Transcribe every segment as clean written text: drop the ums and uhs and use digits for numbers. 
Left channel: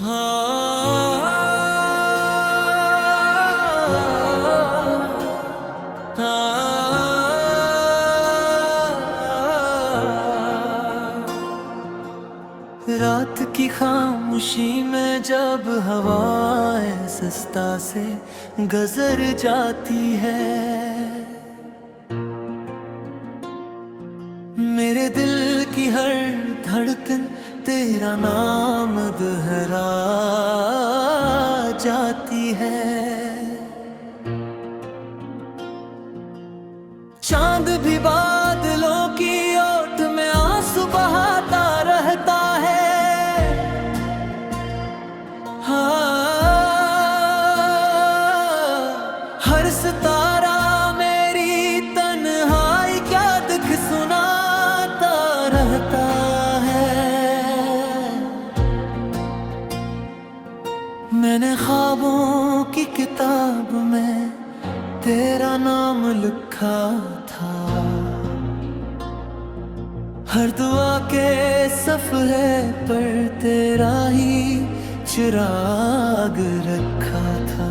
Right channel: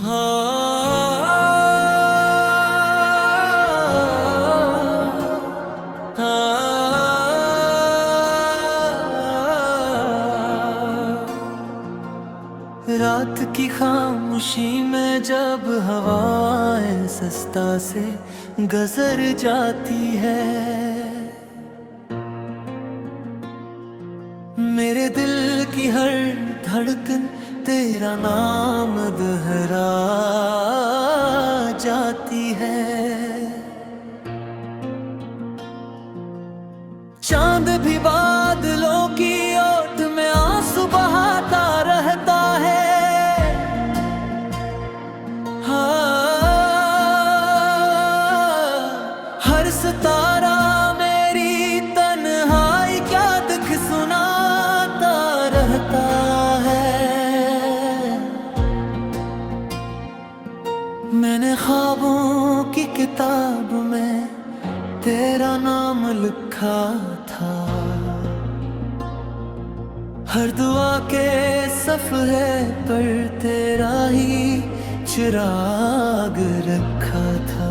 हाँ, रात की खामोशी में जब हवाएं सस्ता से गुजर जाती है, मेरे दिल की हर धड़कन तेरा नाम दोहरा जाती है। चांद भी बादलों की ओट में आंसू बहाता रहता है। हाँ, हर सितारा मेरी तन्हाई क्या दुख सुनाता रहता है। मैंने ख्वाबों की किताब में तेरा नाम लिखा था, हर दुआ के सफ़हे पर तेरा ही चिराग रखा था।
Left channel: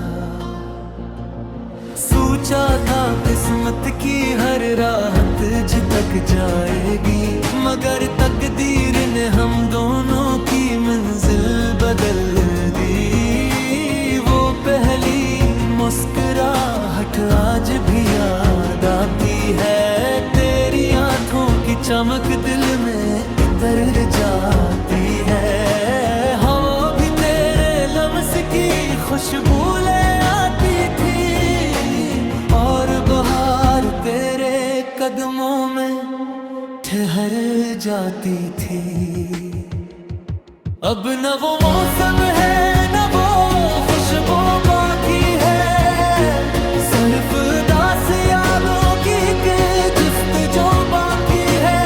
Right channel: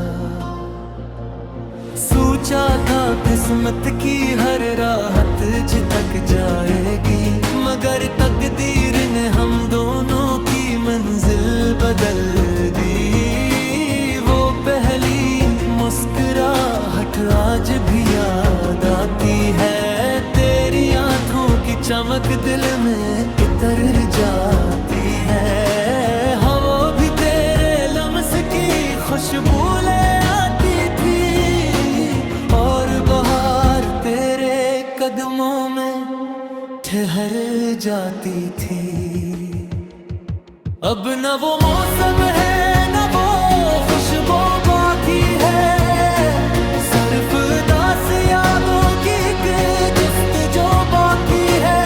सोचा था किस्मत की हर राहत ज तक जाएगी, मगर तकदीर ने हम दोनों की मंजिल बदल दी। वो पहली मुस्कुराहट आज भी याद आती है, तेरी आंखों की चमक दिल में इतर जाती है। हवा भी तेरे लम्स की खुशबू ले आती थी, और बहार तेरे कदमों में ठहर जाती थी। अब न वो मौसम है न वो खुशबू बाकी है, सिर्फ दास यादों की एक जुस्तजू बाकी है।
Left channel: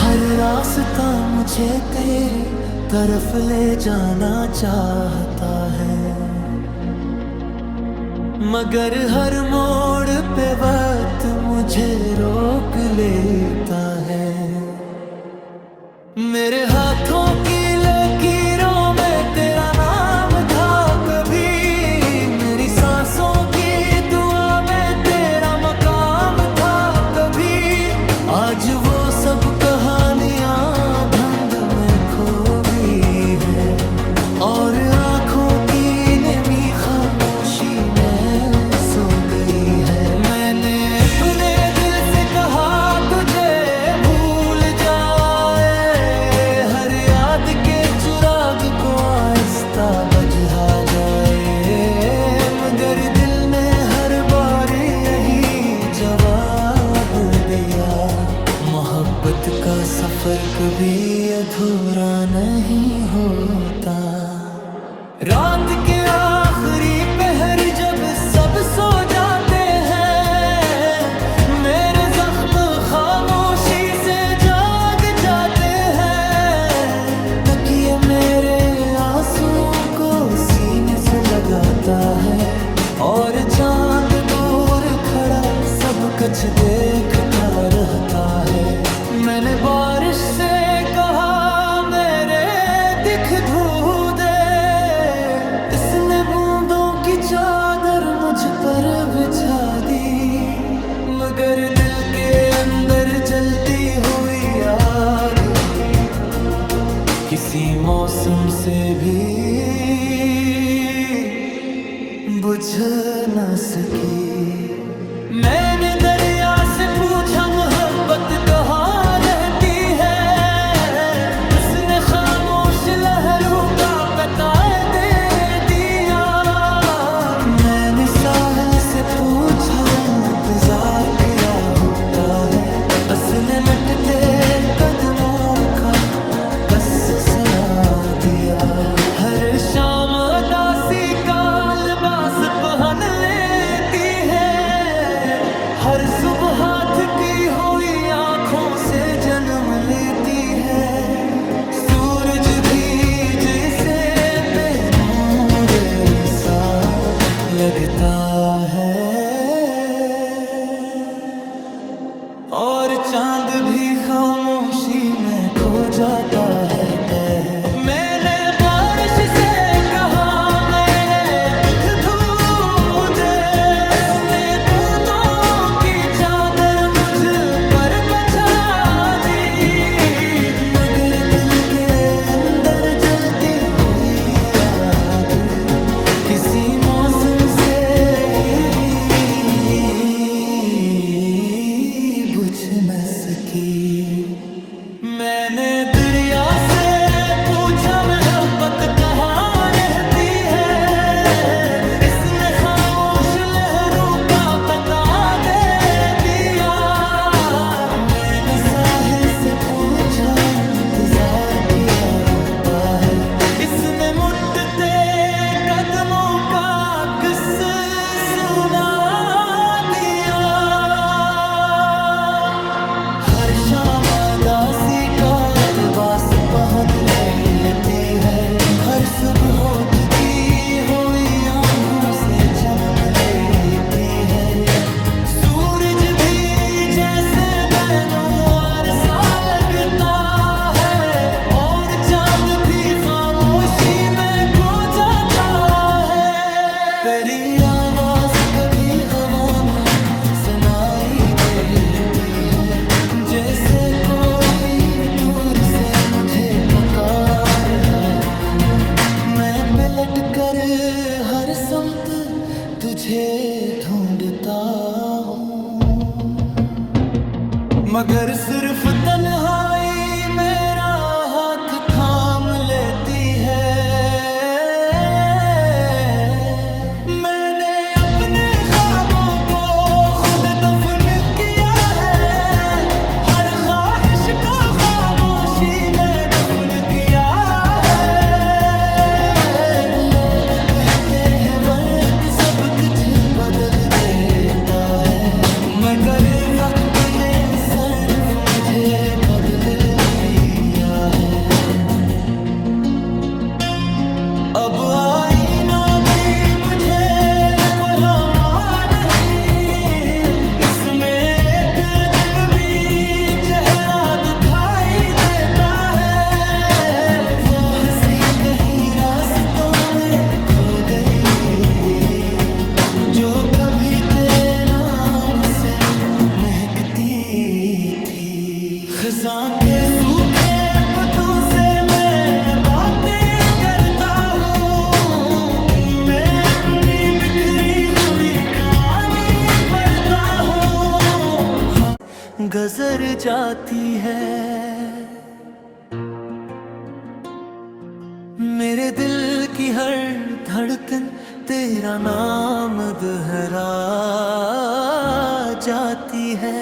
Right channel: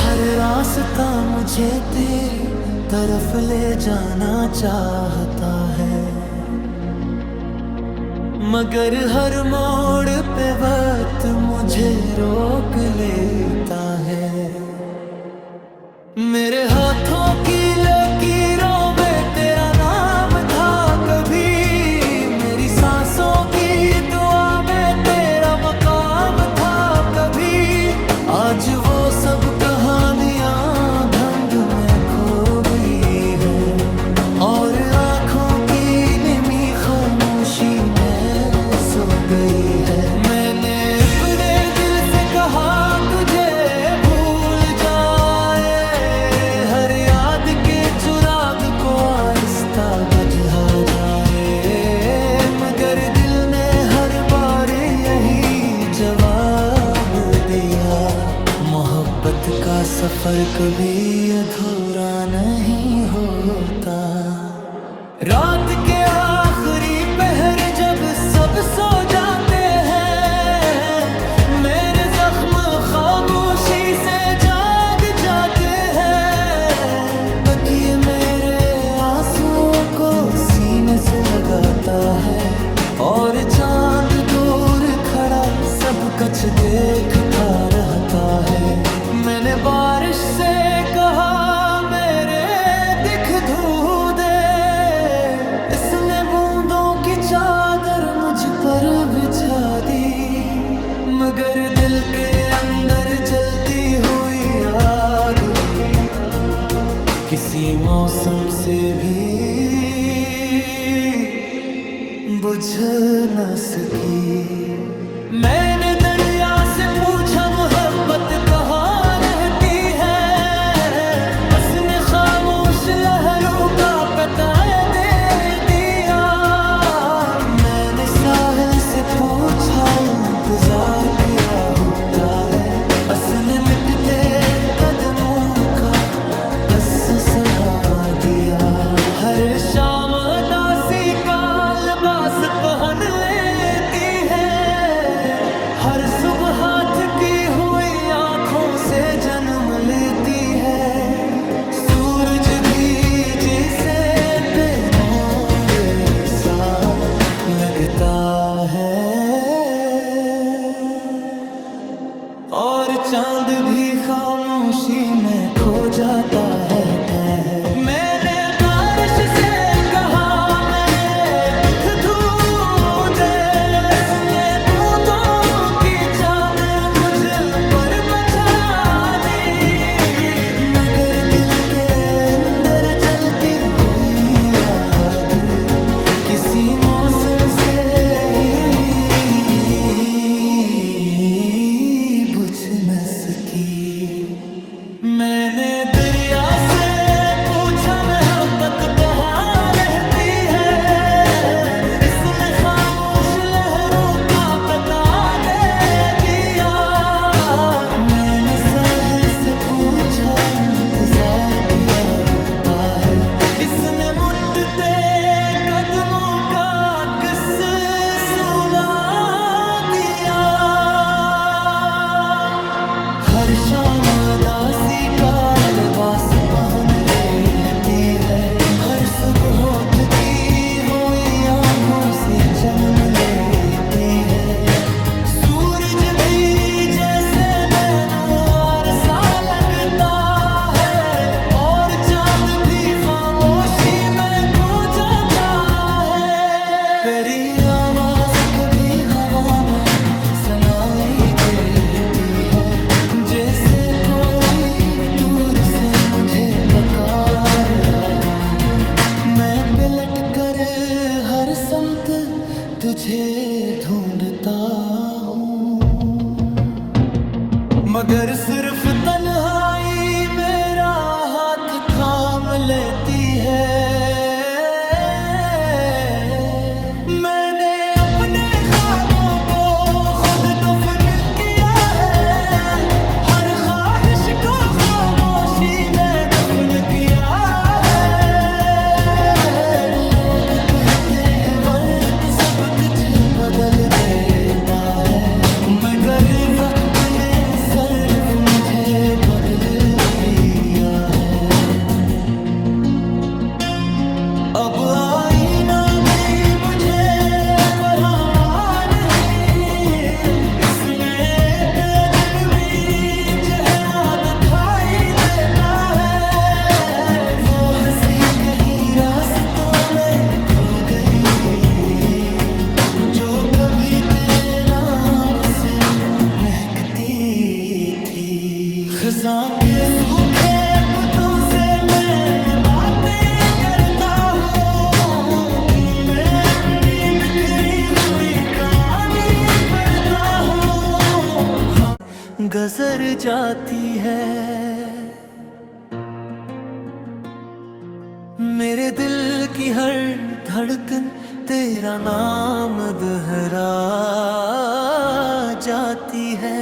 हर रास्ता मुझे तेरी तरफ ले जाना चाहता है, मगर हर मोड़ पे वक्त मुझे रोक लेता है। मेरे हाथों की लकीरों में तेरा नाम था कभी, मेरी सांसों की दुआ में तेरा मकाम था कभी। आज वो सब कहानियां धुंध में खो गई है, और आंखों की निमी खामोशी में सो गई है। मैंने अपने दिल से कहा तुझे भूल जाए, हर याद के चिराग को आहिस्ता बुझा जाए, मगर दिल ने हर बार यही जवाब दिया, मोहब्बत का सफर कभी अधूरा नहीं होता। रात के आखिरी पहर जब सब सो जाते हैं, मेरे जख्म खामोशी से जाग जाते हैं। तकिए मेरे आंसुओं को सीने से लगाता है, और चांद दूर खड़ा सब कुछ देखता रहता है। मैंने बारिश से कहा मेरे दिख धू दे, इसने बूंदों की चादर मुझ पर बिछा दी, मगर दिल के अंदर जलती हुई आग किसी मौसम से भी बुझ न सकी। मैंने दरिया से पूछा मोहब्बत कहाँ रहती है, उसने खामोश लहरों का पता दे दिया। मैंने साहिल से पूछा इंतजार क्या होता है, उसने मिटते कदमों का बस सुना दिया। हर शाम उदासी का लिबास पहन लेती है, हर सुबह थकी हुई आंखों से जन्म लेती है। सूरज भी जैसे बेनूर सा लगता है, और चांद भी खामोशी में खो जाता है। मैंने से कहा मेरे दुख धू दे, उसने बूंदों की चादर मुझ पर बचा दी। मगर दिल के अंदर जलती हुई आग किसी मौसम से ही बुझ न सकी। मैंने दरिया से पूछा मोहब्बत कहाँ रहती है, इसने खामोश लहरों का बता दे दिया। मैंने साहिल से पूछा इंतजार किया होता है, इसने मुट्ठते कदमों का किस्सा सुना दिया। हर शाम उदासी का लिबास पहन लेती है, हर सुबह उठती हुई आंखों से जन्म लेती है। सूरज भी जैसे बैनुआर सा लगता है, और चांद भी खामोशी में खो जाता है। तेरी आवाज कभी हवा में सुनाई देती है, जैसे कोई दूर से मुझे पुकार रहा हो। मैं पलट कर हर समत तुझे ढूंढता हूँ, मगर सिर्फ तन्हाई मेरा हाथ थाम लेती है। मैंने अपने ख्वाबों को खुद दफन किया है, हर ख्वाहिश को खामोशी में दफन किया है। लोग कहते हैं वक्त सब कुछ बदल देता है, मगर वक्त ने सिर्फ मुझे बदल दिया है। अब आईना भी मुझे परामान नहीं, इसमें एक अजनबी चेहरा दिखाई देता है। वो हंसी कहीं रास्तों में खो गई, जो कभी तेरे नाम से महकती थी। खज़ां के सूखे पत्तों से मैं बातें करता हूँ, इनमें अपनी बिखरी हुई कहानी पढ़ता हूँ। हाँ, गुजर जाती है मेरे दिल की हर धड़कन, तेरा नाम दोहरा जाती है।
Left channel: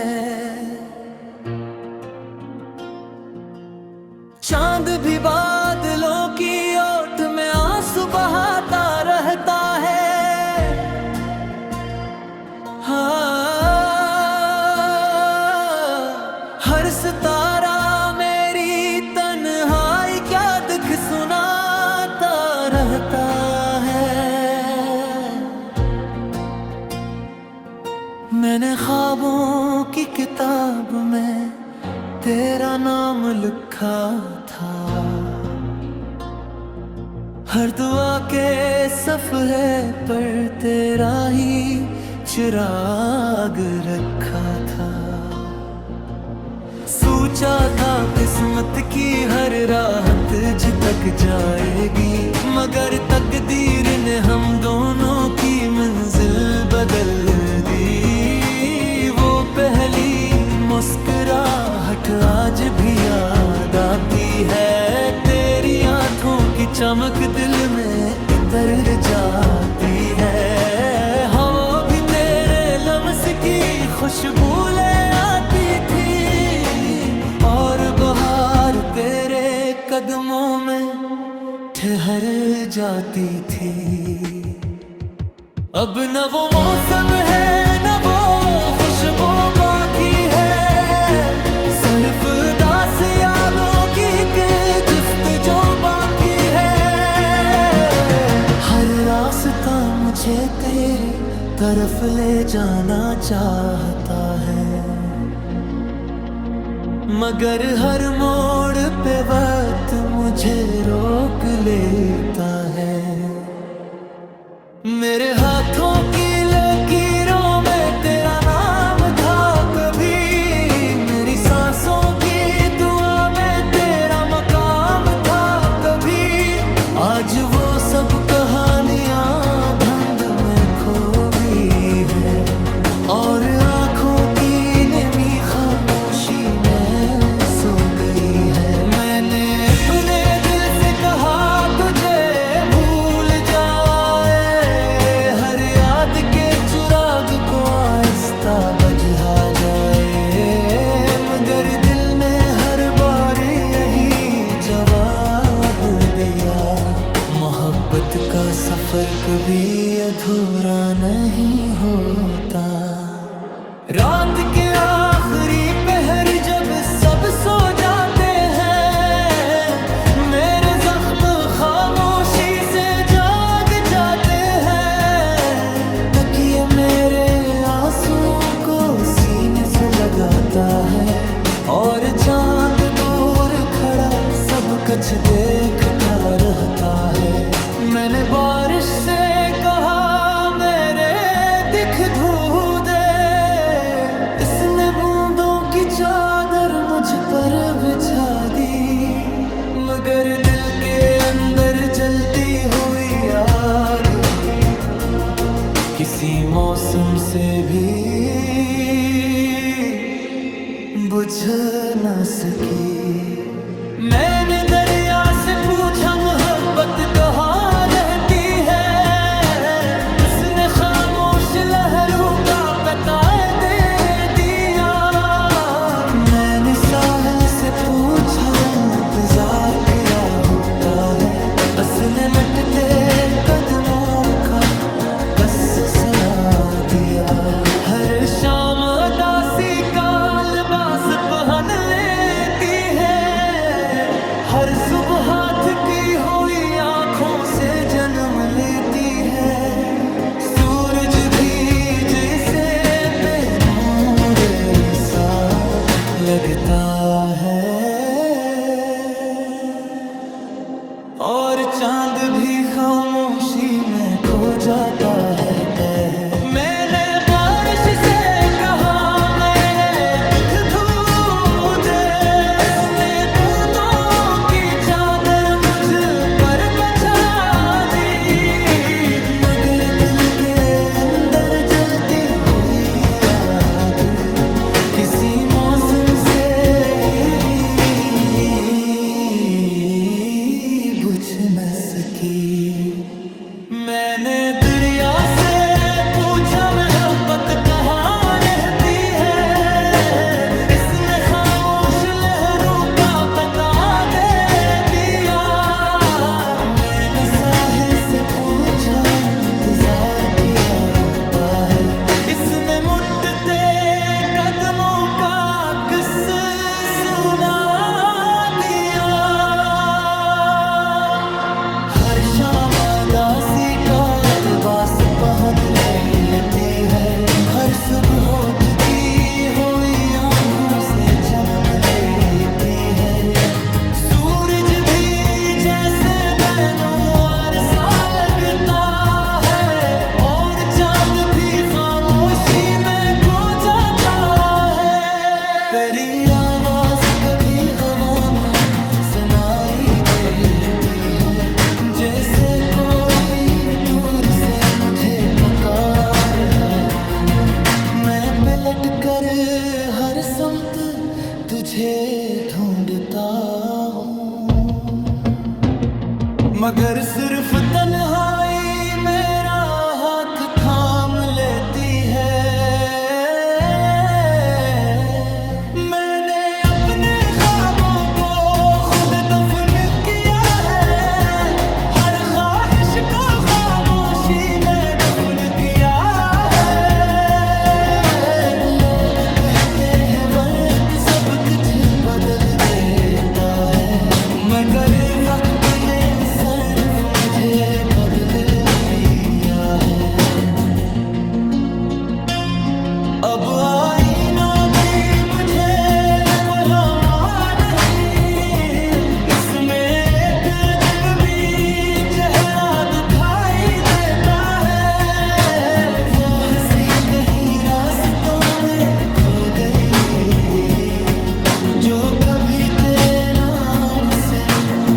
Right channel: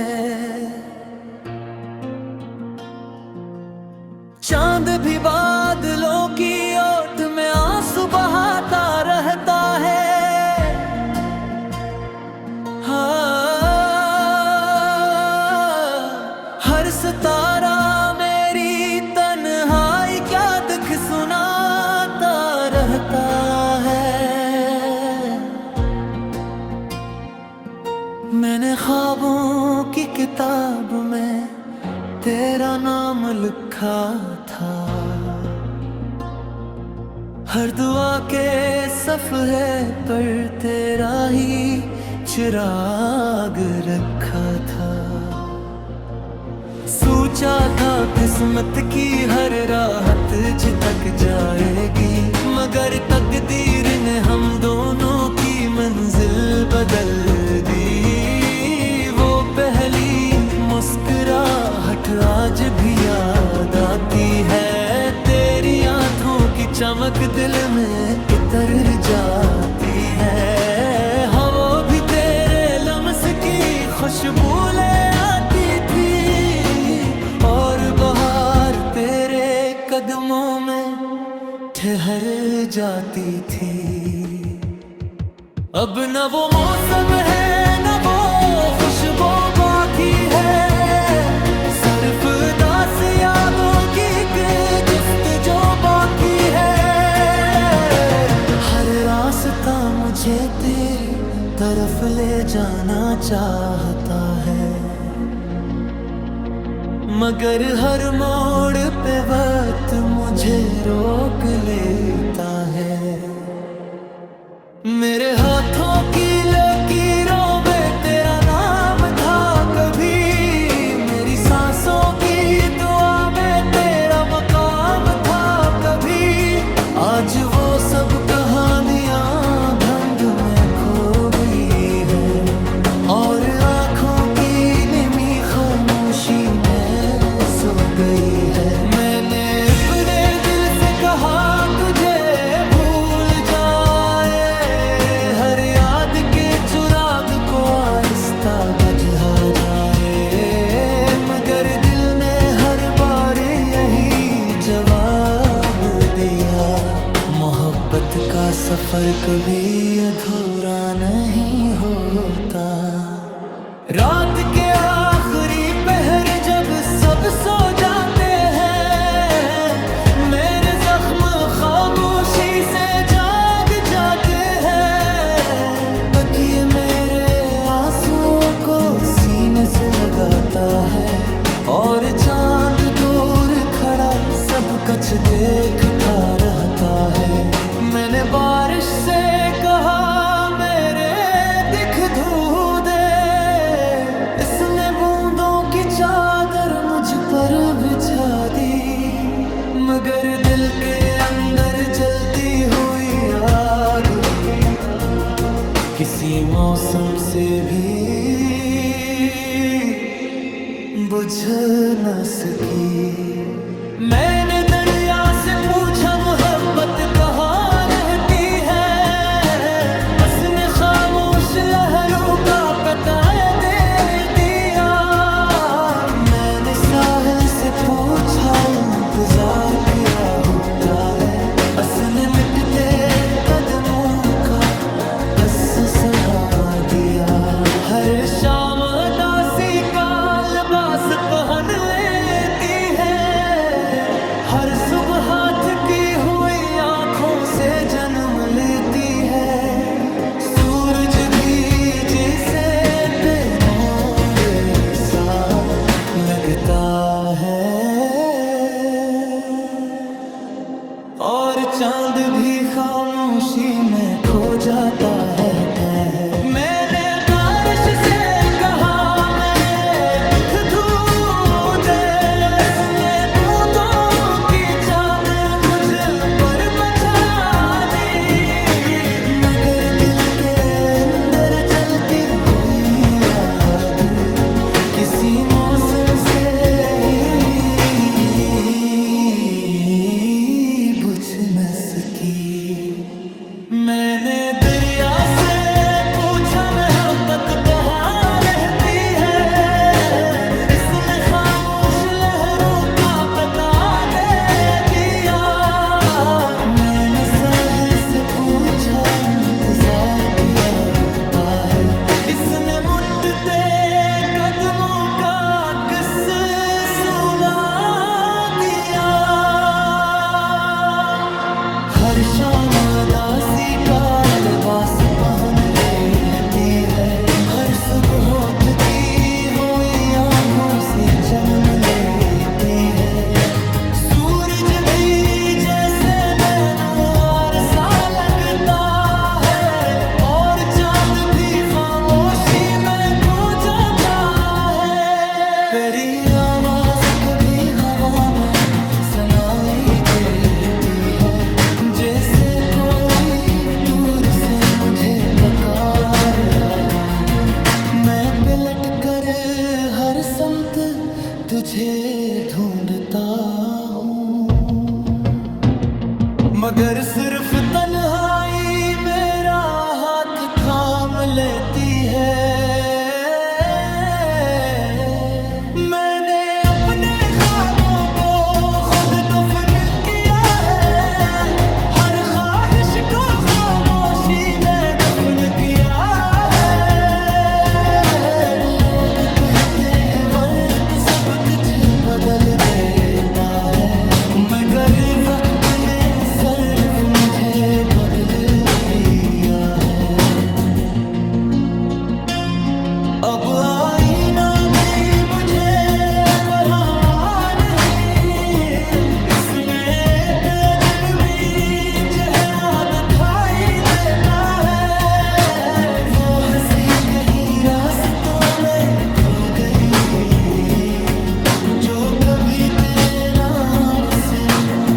चांद भी बादलों की ओट में आंसू बहाता रहता है। हाँ, हर सितारा मेरी तन्हाई क्या दुख सुनाता रहता है। मैंने ख्वाबों की किताब में तेरा नाम लिखा था, हर दुआ के सफ़हे पर तेरा ही चिराग रखा था। सोचा था किस्मत की हर राहत तुझ तक जाएगी, मगर तकदीर ने हम दोनों की मंजिल बदल दी। वो पहली मुस्कुराहट आज भी याद आती है, तेरी आंखों की चमक दिल में इतर जाती है। हवा भी तेरे लम्स की खुशबू ले आती थी, और बहार तेरे कदमों में ठहर जाती थी। अब न वो मौसम है न वो खुशबू बाकी है, सिर्फ दास यादों की एक जुस्तजू बाकी है। हर रास्ता मुझे तेरी तरफ ले जाना चाहता है, मगर हर मोड़ पे वक्त मुझे रोक लेता है। मेरे हाथों की लकीरों में तेरा नाम था कभी, मेरी सांसों की दुआ में तेरा मकाम था कभी। आज वो सब कहानियां धुंध में खो गई है, और आंखों की निमी खामोशी में सो गई है। मैंने अपने दिल से कहा तुझे भूल जाए, हर याद के चिराग को आहिस्ता बुझा जाए, मगर दिल ने हर बार यही जवाब दिया, मोहब्बत का सफर कभी अधूरा नहीं होता। रात के आखिरी पहर जब सब सो जाते हैं, मेरे जख्म खामोशी से जाग जाते हैं। तकिए मेरे आंसुओं को सीने से लगाता है, और चांद दूर खड़ा सब कुछ देखता रहता है। मैंने बारिश से कहा मेरे दिख धू दे, इसने बूंदों की चादर मुझ पर बिछा दी, मगर दिल के अंदर जलती हुई आग किसी मौसम से भी बुझ न सकी। मैंने दरिया से पूछा मोहब्बत कहाँ रहती है, उसने खामोश लहरों का पता दे दिया। मैंने साहिल से पूछा इंतजार क्या होता है, उसने मिटते कदमों का कसस सुना दिया। हर शाम उदासी का लिबास पहन लेती है, हर सुबह हाथ की हुई आंखों से जन्म लेती है। सूरज भी जैसे बेनूर सा लगता है, और चांद भी खामोशी में खो जाता है। मैंने बारिश से कहा मेरे दुख धू दे, उसने बूंदों की चादर मुझ पर बचा दी, मगर दिल के अंदर जलती हुई आग किसी मौसम से ही बुझ न सकी। मैंने दरिया से पूछा मोहब्बत कहाँ रहती है, इसने खामोश लहरों का पता दे दिया। मैंने साहिल से पूछा इंतजार किया होता है, इसने मुट्ठते कदमों का किस्सा सुना दिया। हर शाम उदासी का लिबास पहन लेती है, हर सुबह उठती हुई आंखों से जन्म लेती है। सूरज भी जैसे बैनुआर सा लगता है, और चांद भी खामोशी में खो जाता है। तेरी आवाज कभी हवा में सुनाई देती है, जैसे कोई दूर से मुझे पुकार रहा हो। मैं पलट कर हर समत तुझे ढूंढता हूँ, मगर सिर्फ तन्हाई मेरा हाथ थाम लेती है। मैंने अपने ख्वाबों को खुद दफन किया है, हर ख्वाहिश को खामोशी में दफन किया है। लोग कहते हैं वक्त सब कुछ बदल देता है, मगर वक्त ने सिर्फ मुझे बदल दिया है। अब आईना भी मुझे पढ़ा गई, जो कभी तेरे नाम से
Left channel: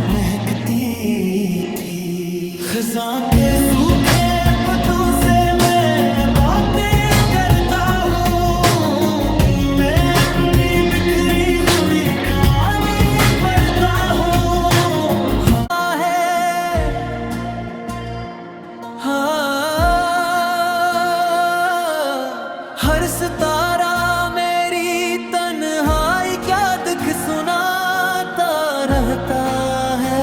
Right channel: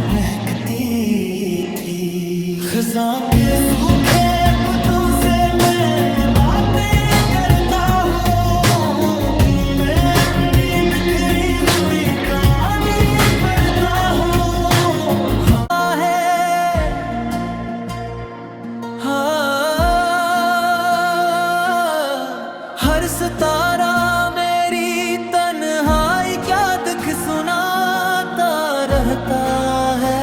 महकती थी। खज़ां के सूखे पत्तों से मैं बातें करता हूँ, मैं अपनी बिखरी हुई कहानी पढ़ता हूँ। हाँ है, हाँ, हर सितारा मेरी तन्हाई क्या दुख सुनाता रहता है।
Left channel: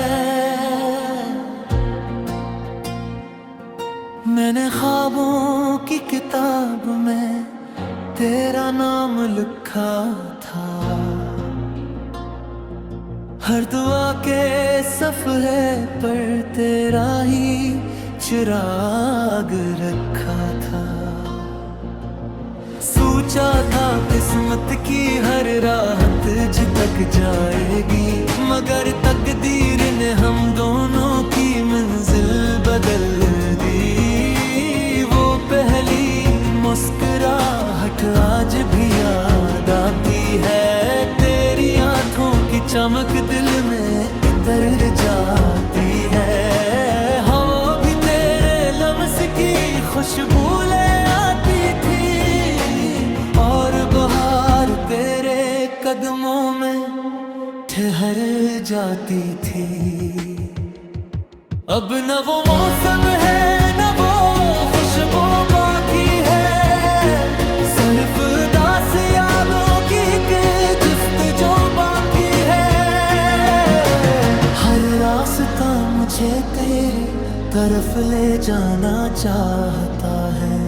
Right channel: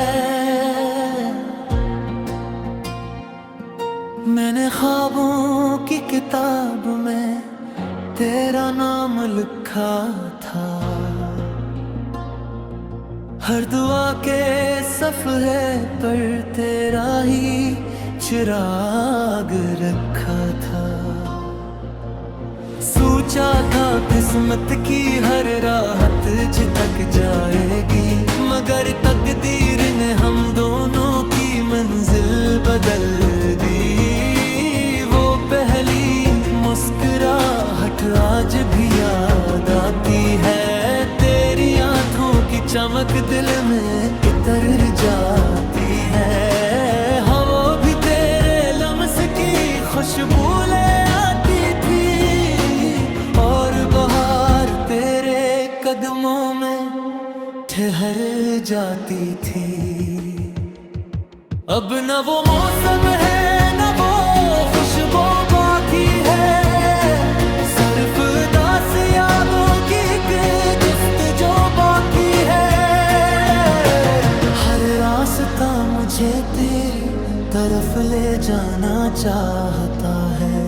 मैंने ख्वाबों की किताब में तेरा नाम लिखा था, हर दुआ के सफ़हे पर तेरा ही चिराग रखा था। सोचा था किस्मत की हर राहत तक जाएगी, मगर तकदीर ने हम दोनों की मंजिल बदल दी। वो पहली मुस्कुराहट आज भी याद आती है, तेरी आंखों की चमक दिल में इतर जाती है। हवा भी तेरे लम्स की खुशबू ले आती थी, और बहार तेरे कदमों में ठहर जाती थी। अब न वो मौसम है न वो खुशबू बाकी है, सिर्फ दास यादों की एक जुस्तजू बाकी है। हर रास्ता मुझे तेरी तरफ ले जाना चाहता है,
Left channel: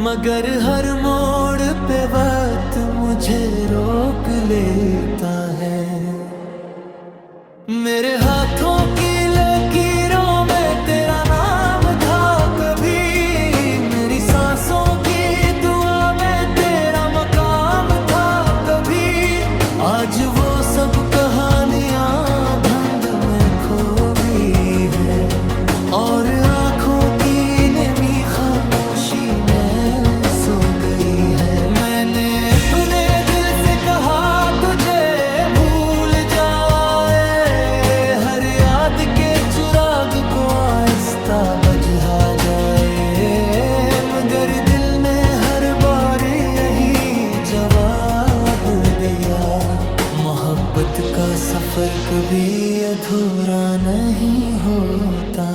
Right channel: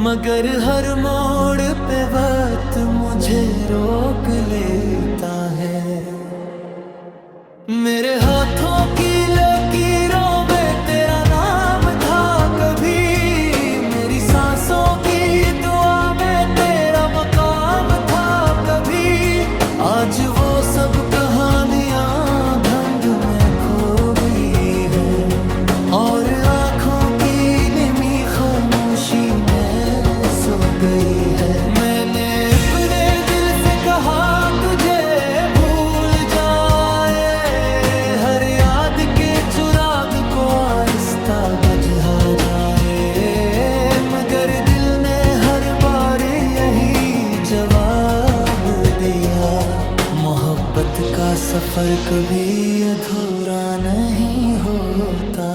मगर हर मोड़ पे वक्त मुझे रोक लेता है। मेरे हाथों की लकीरों में तेरा नाम था कभी, मेरी सांसों की दुआ में तेरा मकाम था कभी। आज वो सब कहानियां धुंध में खो गई है, और आंखों की निमी खामोशी में सो गई है। मैंने अपने दिल से कहा तुझे भूल जाए, हर याद के चिराग को आहिस्ता बुझा जाए, मगर दिल ने हर बार यही जवाब दिया, मोहब्बत का सफर कभी अधूरा नहीं होता।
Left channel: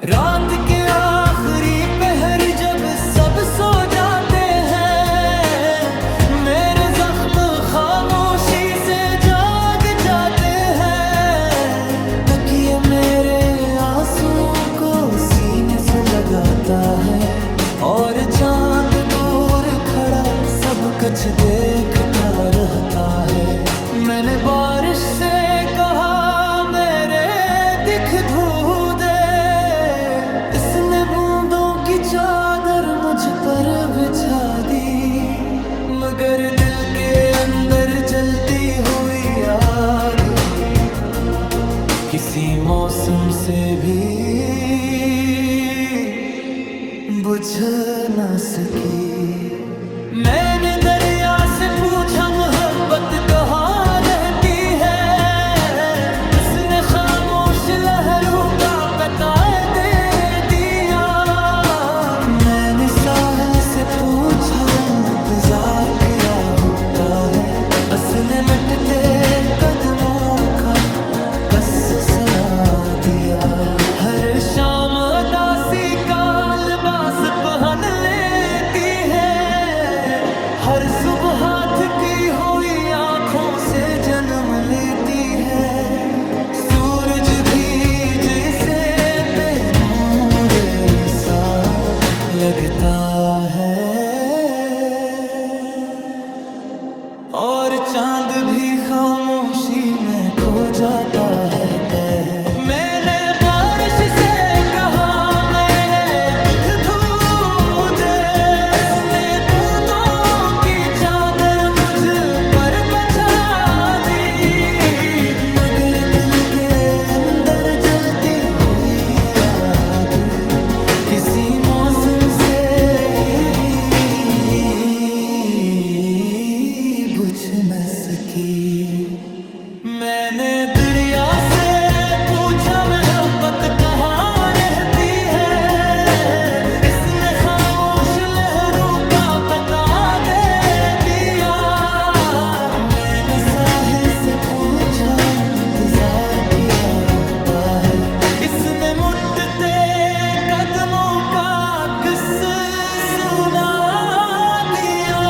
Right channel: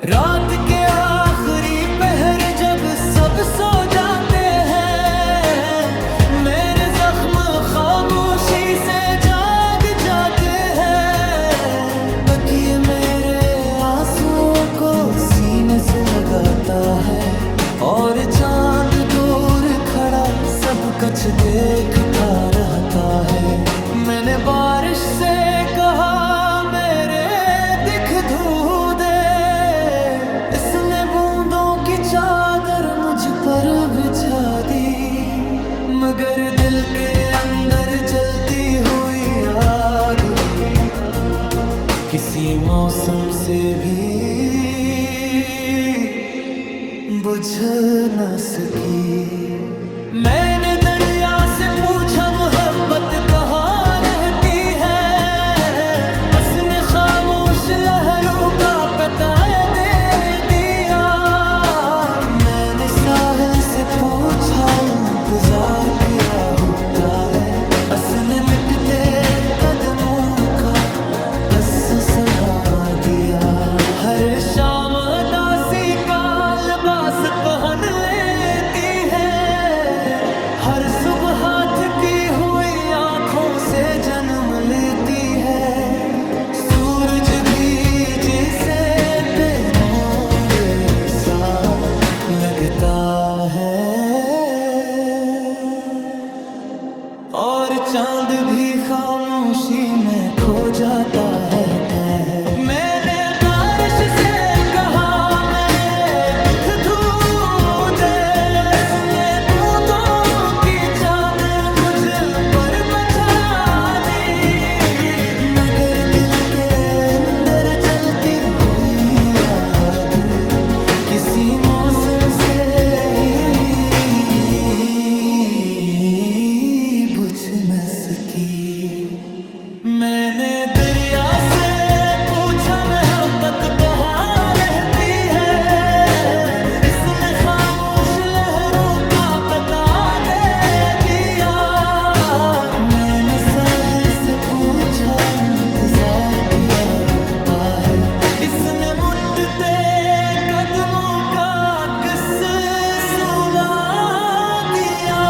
रात के आखिरी पहर जब सब सो जाते हैं, मेरे जख्म खामोशी से जाग जाते हैं। तकिए मेरे आंसुओं को सीने से लगाता है, और चांद दूर खड़ा सब कुछ देखता रहता है। मैंने बारिश से कहा मेरे दिख धू दे, इसने बूंदों की चादर मुझ पर बिछा दी, मगर दिल के अंदर जलती हुई आग किसी मौसम से भी बुझ न सकी। मैंने दरिया से पूछा मोहब्बत कहाँ रहती है, उसने खामोश लहरों का पता दे दिया। मैंने साहिल से पूछा इंतजार क्या होता है, उसने मिटते कदमों का बस सुना दिया। हर शाम उदासी का लिबास पहन लेती है, हर सुबह हाथ की हुई आंखों से जन्म लेती है। सूरज भी जैसे बेनूर सा लगता है, और चांद भी खामोशी में खो जाता है। मैंने बारिश से कहा मेरे दुख धू दे, उसने बूंदों की चादर मुझ पर बचा दी, मगर दिल के अंदर जलती हुई आग किसी मौसम से ही बुझ में सकी। मैंने दरिया से पूछा मोहब्बत कहाँ रहती है, इसने खामोश लहरों का पता दे दिया। मैंने साहिल से पूछा इंतजार किया होता है, इसने मुट्ठते कदमों का किस्सा सुना दिया।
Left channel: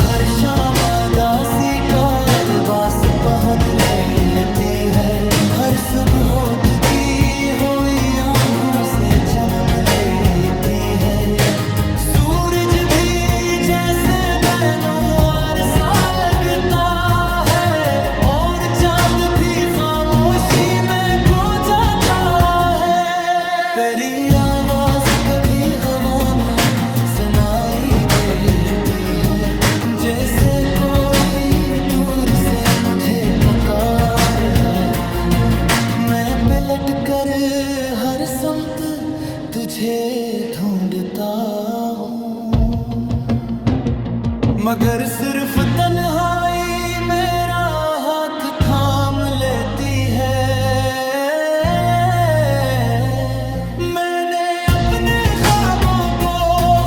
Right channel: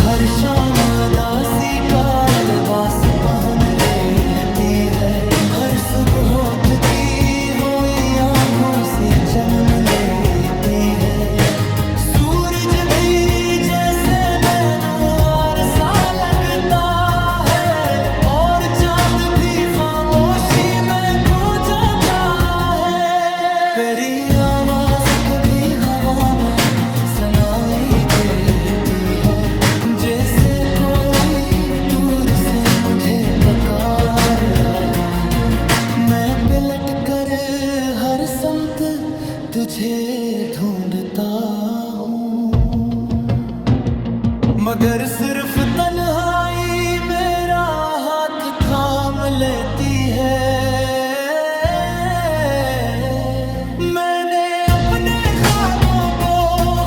हर शाम उदासी का लिबास पहन लेती है, हर सुबह उठती हुई आंखों से जन्म लेती है। सूरज भी जैसे बैनुआर सा लगता है, और चांद भी खामोशी में खो जाता है। तेरी आवाज कभी हवा में सुनाई देती है, जैसे कोई दूर से मुझे पुकार रहा हो। मैं पलट कर हर समत तुझे ढूंढता हूँ, मगर सिर्फ तन्हाई मेरा हाथ थाम लेती है। मैंने अपने ख्वाबों को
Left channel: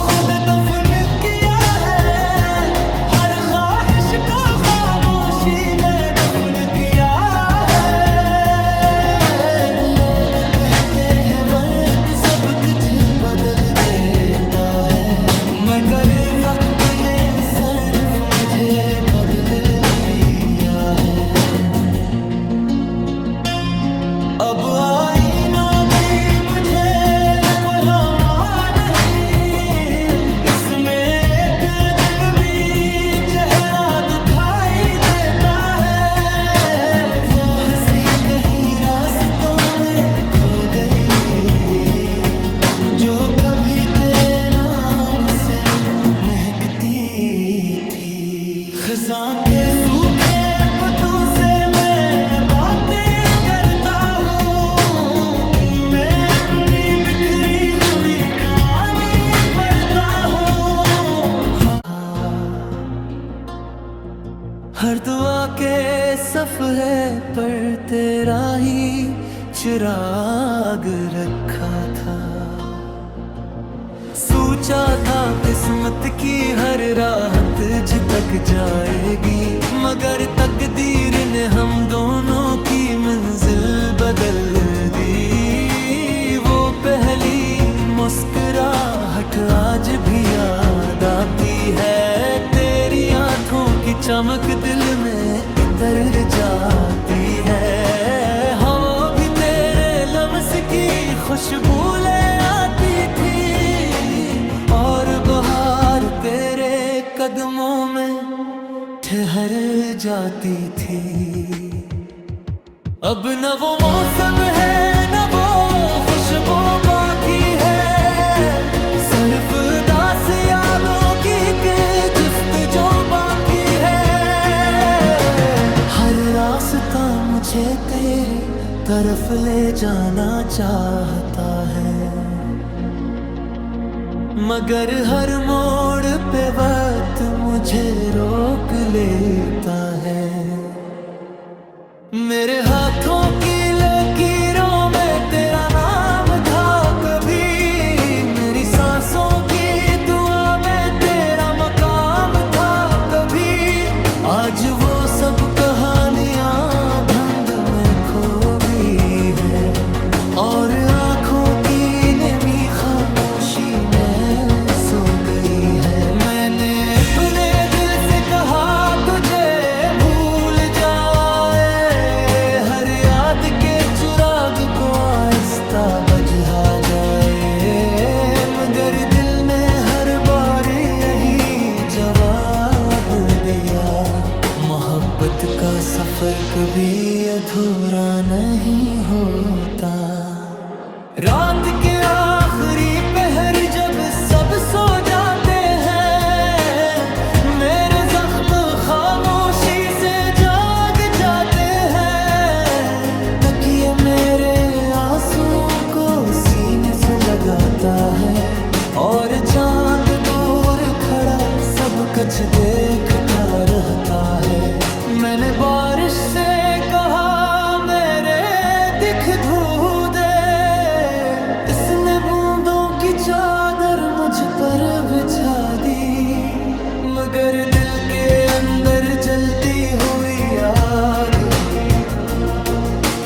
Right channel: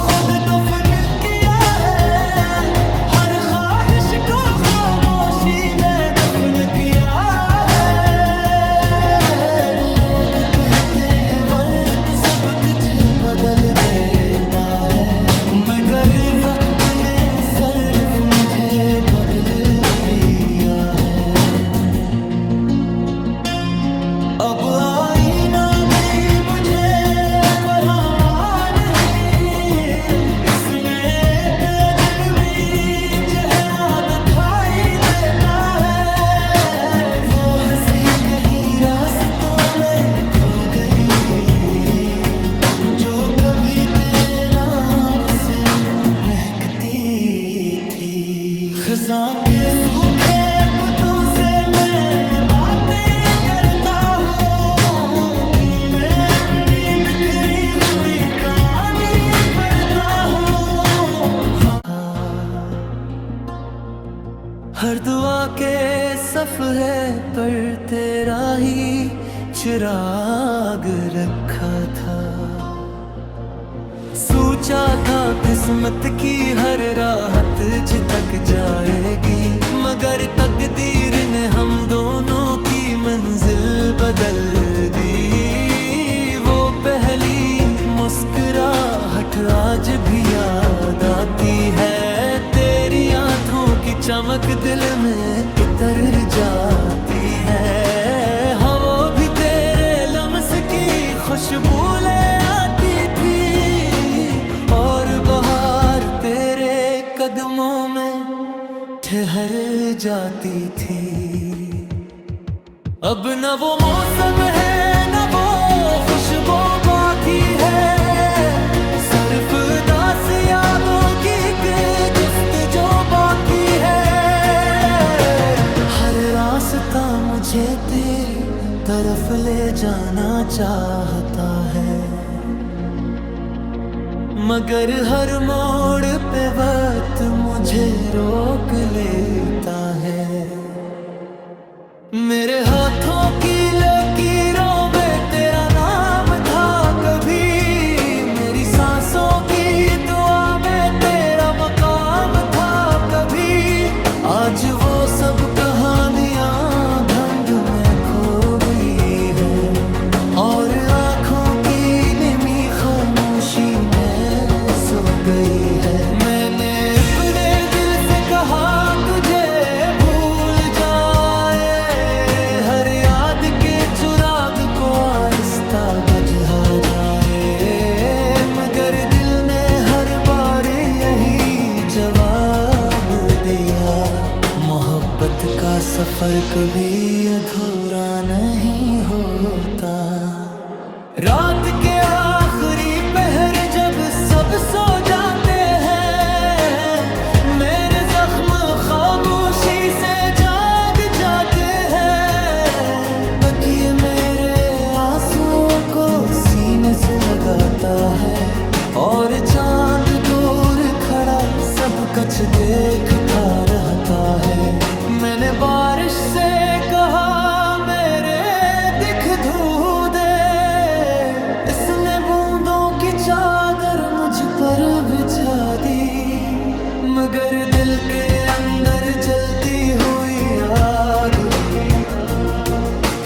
खुद दफन किया है, हर ख्वाहिश को खामोशी में दफन किया है। लोग कहते हैं वक्त सब कुछ बदल देता है, मगर वक्त ने सिर्फ मुझे बदल दिया है। अब आईना भी मुझे परमा नहीं, इसमें एक अजनबी चेहरा दिखाई देता है। वो हंसी कहीं रास्तों में खो गई, जो कभी तेरे नाम से महकती थी। खज़ां के सूखे पत्तों से मैं बातें करता हूँ, इनमें अपनी बिखरी हुई कहानी पढ़ता हूँ। हर दुआ के सफ़हे पर तेरा ही चिराग रखा था। सोचा था किस्मत की हर राहत तक जाएगी, मगर तकदीर ने हम दोनों की मंजिल बदल दी। वो पहली मुस्कुराहट आज भी याद आती है, तेरी आंखों की चमक दिल में इतर जाती है। हवा भी तेरे लम्स की खुशबू ले आती थी, और बहार तेरे कदमों में ठहर जाती थी। अब न वो मौसम है न वो खुशबू बाकी है, सिर्फ दास यादों की एक जुस्तजू बाकी है। हर रास्ता मुझे तेरी तरफ ले जाना चाहता है, मगर हर मोड़ पे वक्त मुझे रोक लेता है। मेरे हाथों की लकीरों में तेरा नाम था कभी, मेरी सांसों की दुआ में तेरा मकाम था कभी। आज वो सब कहानियां धुंध में खो गई है, और आंखों की निमी खामोशी में सो गई है। मैंने अपने दिल से कहा तुझे भूल जाए, हर याद के चिराग को आहिस्ता बुझा जाए, मगर दिल ने हर बार यही जवाब दिया। मोहब्बत का सफर कभी अधूरा नहीं होता। रात के आखिरी पहर जब सब सो जाते हैं, मेरे जख्म खामोशी से जाग जाते हैं। तकिए मेरे आंसुओं को सीने से लगाता है, और चांद दूर खड़ा सब कुछ देखता रहता है। मैंने बारिश से कहा मेरे दिख धू दे, इसने बूंदों की चादर मुझ पर बिछा दी। मगर दिल के अंदर जलती हुई आग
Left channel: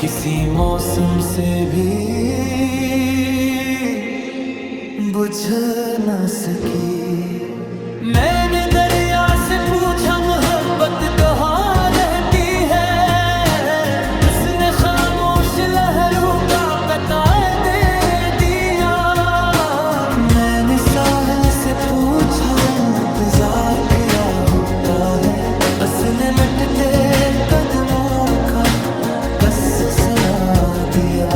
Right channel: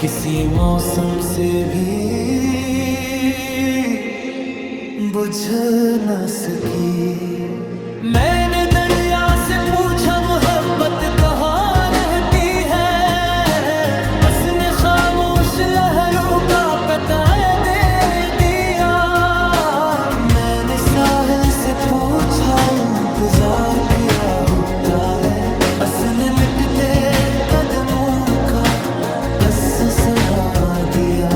किसी मौसम से भी बुझ न सकी। मैंने दरिया से पूछा मोहब्बत कहाँ रहती है, उसने खामोश लहरों का पता दे दिया। मैंने साहिल से पूछा इंतजार किया होता है, उसने मिटते कदमों का बस सुना दिया।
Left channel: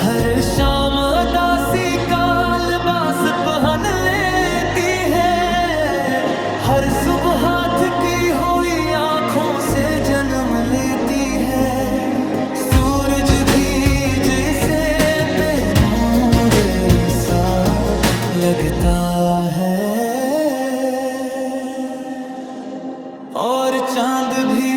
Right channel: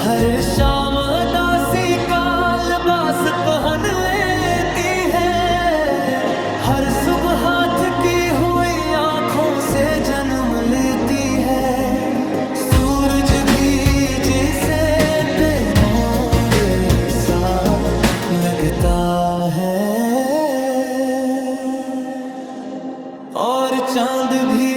हर शाम दासी का लिबास पहन लेती है, हर सुबह हाथ की हुई आंखों से जन्म लेती है। सूरज भी जैसे बेनूर सा लगता है और चांद भी